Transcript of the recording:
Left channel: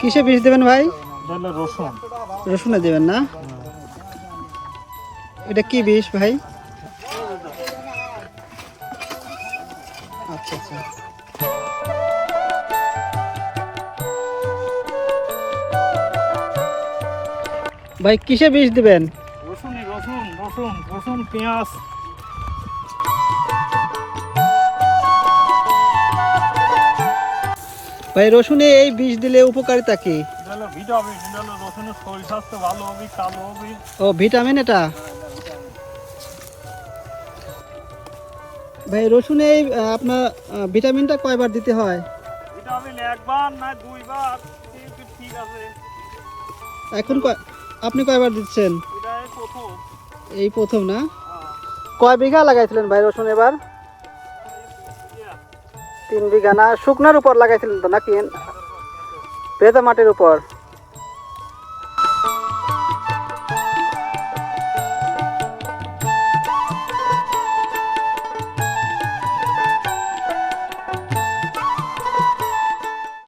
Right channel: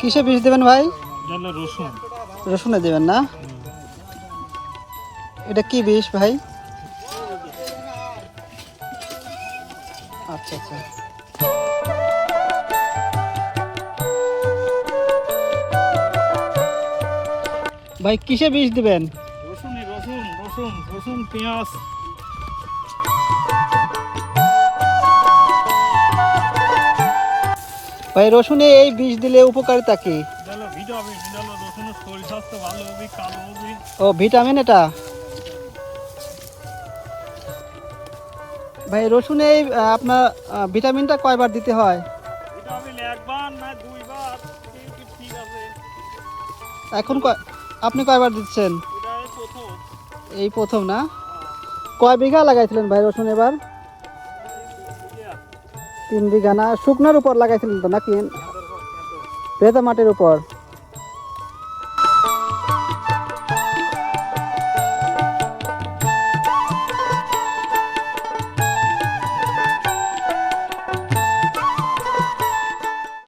কিসে বিষ দেবেন ভাই? রসুন। রসুনে দেবেন না? এটা কি বিষ ভাই? আচ্ছা আচ্ছা। ভাই কিসে বিষ দিবেন? রসুন রসুন রসুন পেঁয়াজ। ভাই রসুনে এই বিষ দিলে উপকারিতা কি? ভিটামিন, রসুনের শরীর স্বাস্থ্য ভালো হবে, কালো হবে। ও ভিটামিন এটা? ভাই রসুনে এই আপনার ভিটামিনটা কয়বার দিতে হয়? ভিটামিন একবার না দুইবার, ঠিক আছে। এখন আপনি কয়বার দিচ্ছেন? এটা প্রথম। এই প্রথম না? কয় বিঘা লাগাইছিলেন ভাই রসুন এবার? 3 বিঘা না? শুকনার উপর লাগাইছিলেন তো নাকি ভেজা মাটির উপর?